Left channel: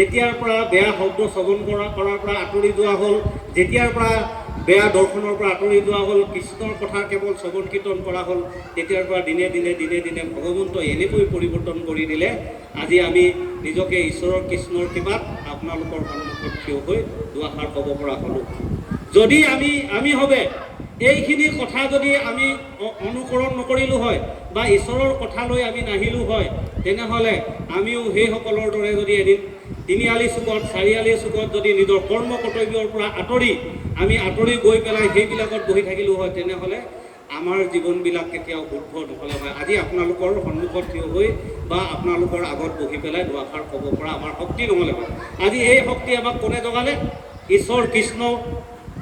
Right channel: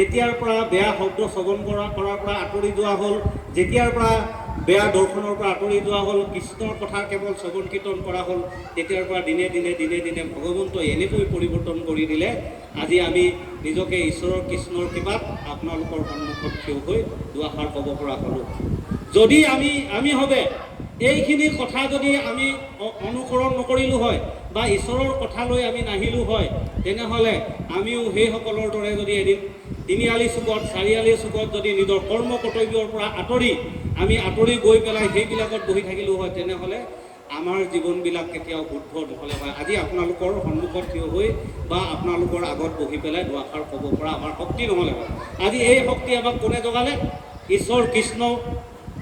যেতিয়াৰ পৰা বেয়া শব্দ শ্ৰৱণ কৰাৰ পৰা আঁতৰি যোৱা হ'ল, যেতিয়াৰ পৰা বেয়া দৰ্শনৰ পৰা আঁতৰি যোৱা হ'ল, কৃষ্ণৰ কথা কেৱল শ্ৰৱণ কীৰ্তন কৰা হ'ল, তেতিয়াৰ পৰা দিনে দিনে ভগৱন্তই এনেকৈ পৰিৱৰ্তন কৰি দিলে, আজি আমি নিজকে ঈশ্বৰৰ কৃষ্ণৰ কৃপাত আপোনালোকৰ সন্মুখত থিয় হৈ দুআষাৰ ক'ব পৰা হ'লোঁ। যদি আমি হবে এইখিনি কথা যদি আমি অনুসৰণ নকৰিলোঁ হয় বা ঈশ্বৰৰ কথালৈ আমি নাহিলোঁ হয়, তেনেহ'লে আমিও সেইসকলৰ দৰে যদি এদিন তিনিআলি চুকত চাৰিআলি চুকত যদি নিজৰ কৰ্ম কৰ্তব্যৰ পৰা আমি আঁতৰি গৈ পেলাই সেইবিলাকত বহি থাকিলোঁ হয়, তেনেহ'লে আমাৰ জীৱনবিলাক কেতিয়াও শুদ্ধ নহ'লে হয়। আজি আপোনালোকৰ সন্মুখত থিয় হৈ বা আপোনালোকৰ আগত বহি পেলাই দুআষাৰ ক'ব পৰা আমাৰ শক্তি নহ'লে হয়। আজি এই শক্তি আমাক কোনে জগালে? ঈশ্বৰ কৃষ্ণ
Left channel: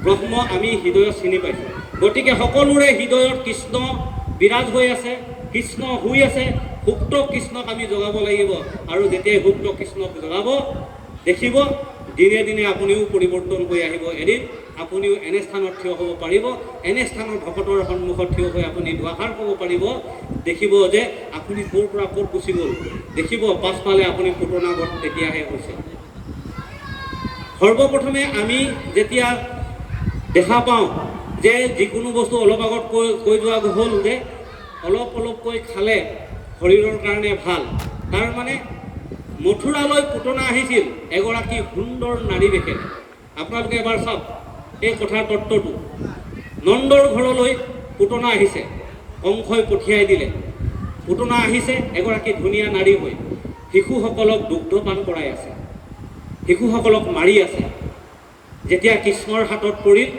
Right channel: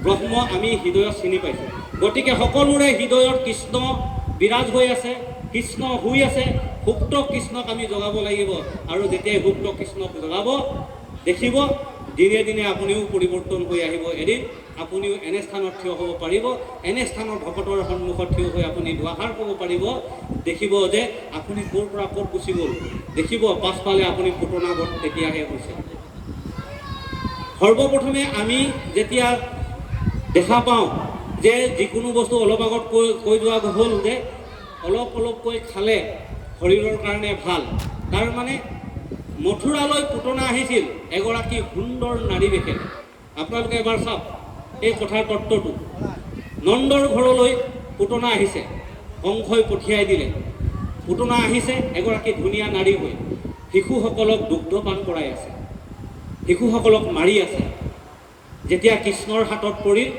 ব্ৰহ্ম আমি হৃদয়ত চিনি পাইছোঁ। গতিকে সকলোৰে হৃদয়ত কৃষ্ণ বিৰাজ হৈ আছে, কৃষ্ণ শুই আছে। সুপ্ত কৃষ্ণক আমি জগাব লাগিব, আৰু যেতিয়াই সুপ্ত কৃষ্ণক জগাব দেখিব, দিনে আপুনিও পৰিৱৰ্তন হৈ আহিব। এদিন আপুনিও এনে স্থানত থিয় হ'ব পাৰিব, এনে স্থানৰ ভকতৰ সন্মুখত থিয় হৈ আপুনি দুআষাৰ ক'ব পাৰিব। দেখিব যে আপুনি ক'ৰ পৰা ক'ত গুচি গ'ল, দেখিব পাছফালে আপুনি পুতনাগত তেতিয়াহে হৈছে। সৰ্বপ্ৰথমে আমি যেতিয়া দেখা পাওঁ যে যিকোনো বস্তু অলপ আগত কৈ যোৱা হ'ল যে অলপকৈ খালে শৰীৰৰ কাৰণে ভাল, তাৰমানে মথুৰালৈ পুতনা আহিছিল এগৰাকী সুন্দৰ নাৰী বেশে। আপোনালোকে এবাৰ চাওক এই কথাৰ তত্ত্বটো। নন্দৰ ঘৰলৈ পুতনা আহিছে, কংসই পঠিয়াই দিলে। পুতনা আহিছে এগৰাকী ধুনীয়া নাৰী হৈ, শিশুসকলক দুগ্ধপান কৰাই আছে, শিশুসকলক মাৰি আছে। যেতিয়া কৃষ্ণৰ হাতত পৰিল,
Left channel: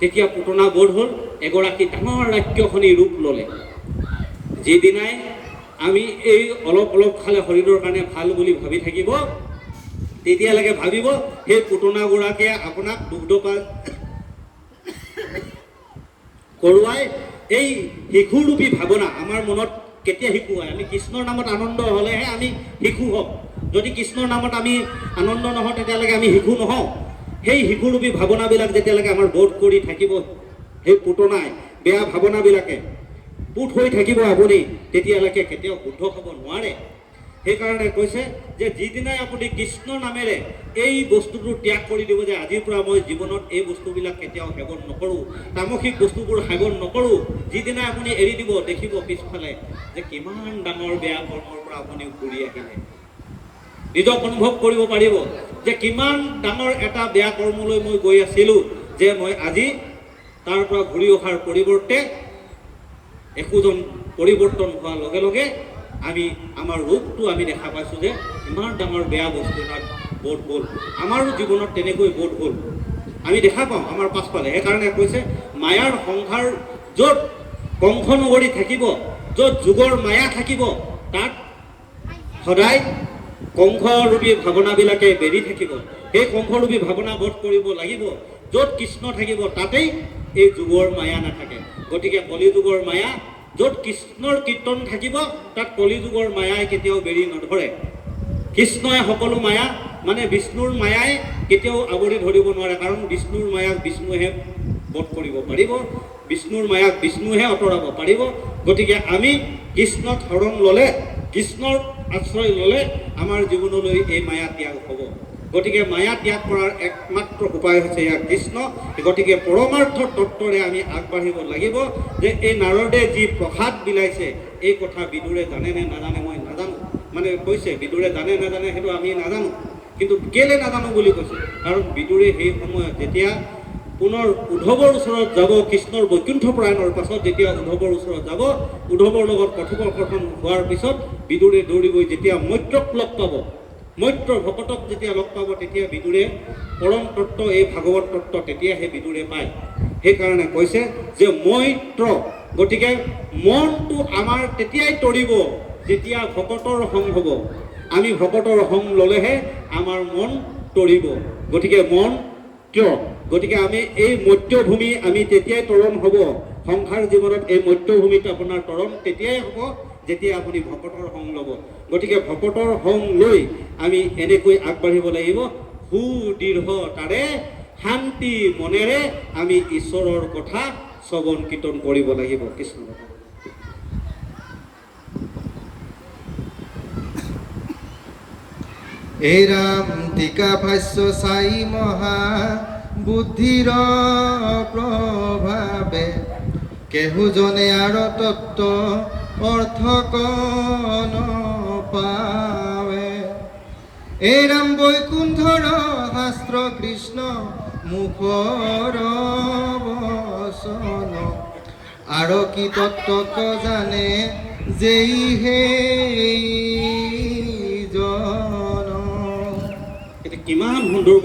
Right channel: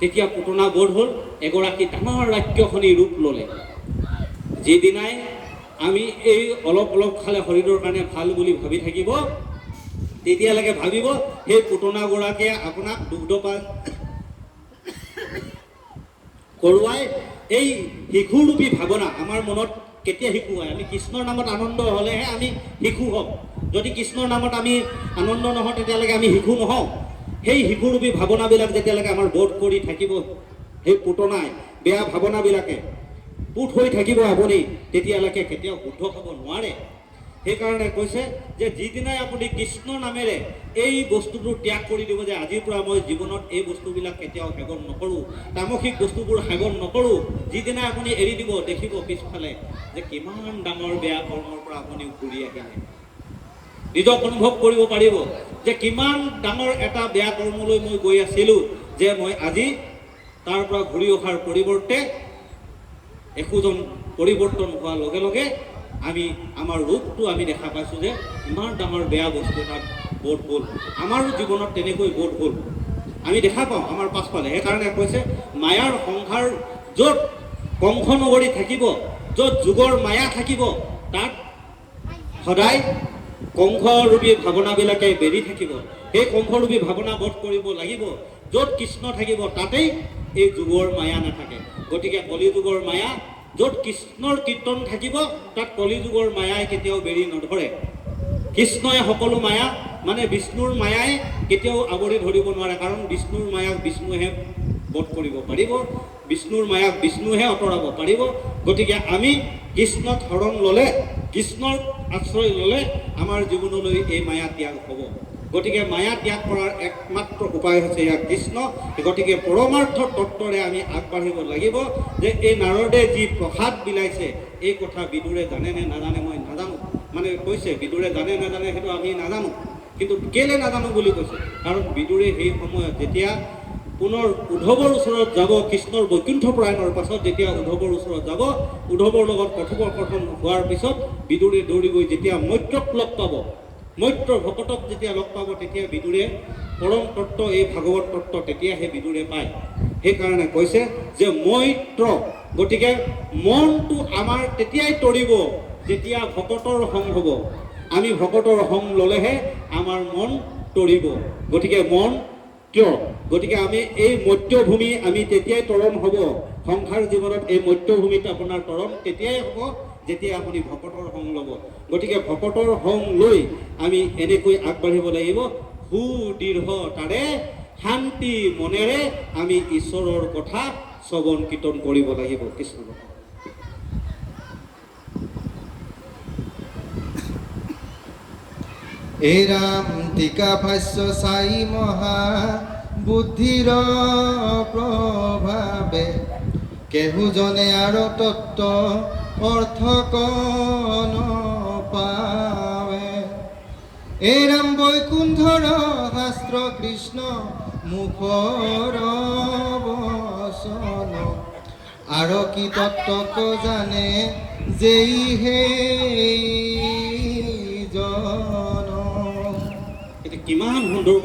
তেতিয়া পুতনা বোধ হ'ল এগৰাকী ডাঙৰ ৰাক্ষসনী ৰূপ ল'লে। যিদিনাই আমি এই অলপ খালে শৰীৰৰ কাৰণে ভাল বুলি ভাবি থাকিব, তেতিয়ালৈকে ভাবিব সেই পুতনাগৰাকীয়ে আপোনাক দুগ্ধপান কৰোৱাই এই শিশুৰূপী ভাৱনা আমাৰ মনত কেতিয়া শিশু হয়? আমি কৃষ্ণৰ নামত আনন্দ হ'লেহে আমি শিশু হ'ম। যদি কৃষ্ণৰ নামত আমি আনন্দ নহওঁ, তেতিয়ালৈকে আমি শিশু নহওঁ। সেই শিশুৰূপী ভাৱনাবিলাক যেতিয়ালৈকে আমাৰ বোধ কৰি থাকিব, সেই পুতনাই বেয়া ভাৱনাবিলাকে পুত হৈ থাকিব আপুনি, তেতিয়ালৈকে কেতিয়াও শুদ্ধ হ'ব নোৱাৰে। সেইকাৰণে কৈছে যে যিদিনাই আপুনি কৃষ্ণ নামেৰে এই বস্তুটো ত্যাগ কৰি দিব, যে আজিৰ পৰা মই জীৱনত এই বস্তুবিলাক কেতিয়াও সেৱন নকৰোঁ, তামসিক বস্তুবোৰ সেৱন নকৰোঁ, যিদিনাই আপুনি এৰি দিব, দেখিব পিছফালে যে কিমান ডাঙৰ বেয়া কৰ্মৰ পৰা আপুনি ঘূৰি আহিলে। নিজক অনুভৱ কৰিব পাৰিব যে কিমান ডাঙৰ এটা বেয়া কৰ্মলৈ মই গৈ আছিলোঁ, যে মই আজি তাৰ পৰা ঘূৰি অহাৰ পৰিৱৰ্তে একোজন পৰিৱৰ্তন হোৱাৰ লগে লগে আমাৰ ৰূপটো আমি দেখা পাইছোঁ যে ইমান ডাঙৰ বেয়া বস্তু তাত বোধ হ'ল। আমাৰো জীৱনত তেনেকৈ বোধ হ'ল, আমি দেখা পাওঁ আমাৰ পাছফালে। সেইকাৰণে কৈছে মায়াৰ সংসাৰ য'ত কংস নগৰী থাকিব, য'ত যুগৰ মায়া থাকিব, তাত সদায় কংসৰূপী ভাৱনাবিলাকে বেৰি থাকিব। সেই কংসৰূপী ভাৱনা বোধ কৰিব লাগিব। য'ত কৃষ্ণ থাকিব তাতেই এই যুগৰ মায়া নাথাকে। গতিকে কলিযুগৰ মায়া, য'ত কৃষ্ণৰ কীৰ্তন থাকিব তাত কলিযুগৰ মায়াই কেতিয়াও বেৰি নধৰে। কৃষ্ণই সকলো মায়া, মানে বিষ্ণুৰ মায়াই কেতিয়াও আৱৰি ধৰিব নোৱাৰে, কাৰণ বিষ্ণুৰ মায়াক বিষ্ণুহে বধ কৰিব পাৰিব, বিষ্ণুৰ মায়াক বিষ্ণুহে আঁতৰাব পাৰিব। গতিকে আমি কৃষ্ণক শৰণ ল'লে, কৃষ্ণৰ আশ্ৰয় ল'লে আমাৰ জীৱনলৈ এই মায়া ত্যাগ হ'ব। গতিকে মায়া ত্যাগ কৰাৰ একমাত্ৰ উপায় হৈছে ইয়াক কৃষ্ণ। গতিকে পৰমাৰ্থ তত্ত্বৰে আমি আগবাঢ়িব লাগিব। যে এই নাৰদে যি প্ৰসাদ বিলাইছে, এই কথা বিদুৰে জানে নে নাজানে মই নাজানো। মানে কৈছে বিদুৰে জানে নাজানে সেইটো আমি নাজানো, কিন্তু কেলে নাজানো বুলি কৈছে, কাৰণ বিদুৰে সেই সময়ত যেতিয়া পুনৰ উদ্ধৱৰ ওচৰত যাব, কৃষ্ণৰ বৈকুণ্ঠ প্ৰয়াণৰ পাছত যেতিয়া উদ্ধৱৰ ওচৰত যাব, উদ্ধৱৰ লগত কথোপকথন হোৱাৰ পিছত বিদুৰে দৌৰি গৈ যেতিয়া মৈত্ৰক লগ পাব, মৈত্ৰ ভকতক যেতিয়া লগ পাব, তেতিয়া বিদুৰে পৰম তত্ত্ব, এই ভাগৱত তত্ত্ব তেতিয়াহে বিদুৰে পায়। সেইকাৰণে কৈছে যে মৈত্ৰ, গতিকে মনটো আমাৰ তেতিয়াই তৰিব যেতিয়া ভকতৰ সং হ'ব। আমি ভকতৰ সং ল'লেহে আমাৰ মন তৰিব। গতিকে মন কিয়? গতিকে আমি এই মৰ্ত্যভূমি আমি তেতিয়াই তৰণ হ'ব। সংসাৰ জীৱনত এই মৰ্ত্যভূমিত আপোনাৰ তৰণ তেতিয়াই হ'ব যেতিয়া আপুনি ভকতৰ সং ল'ব। গতিকে ভকতৰ সং লৈ আমি এনেকৈ আগবাঢ়িব লাগিব। সুদৃঢ়তাৰে শান্তি মনেৰে আমি ঈশ্বৰৰ কথা শ্ৰৱণ কীৰ্তন কৰিব লাগিব। কৃষ্ণ এই ৰাম টিকা ভাষ্য চাই মহা বুদ্ধিৰ প্ৰভাৱে কেহুজনে আৰু তত্ত্ব অৰ্থ কণ পাৱে। এই ৰাম বৈকুণ্ঠৰ শাস্ত্ৰ কৃষ্ণ মুখৰ বচন আৰু কি তত্ত্বক জানে যেই সেই জন। এতিয়া কিমান সুন্দৰ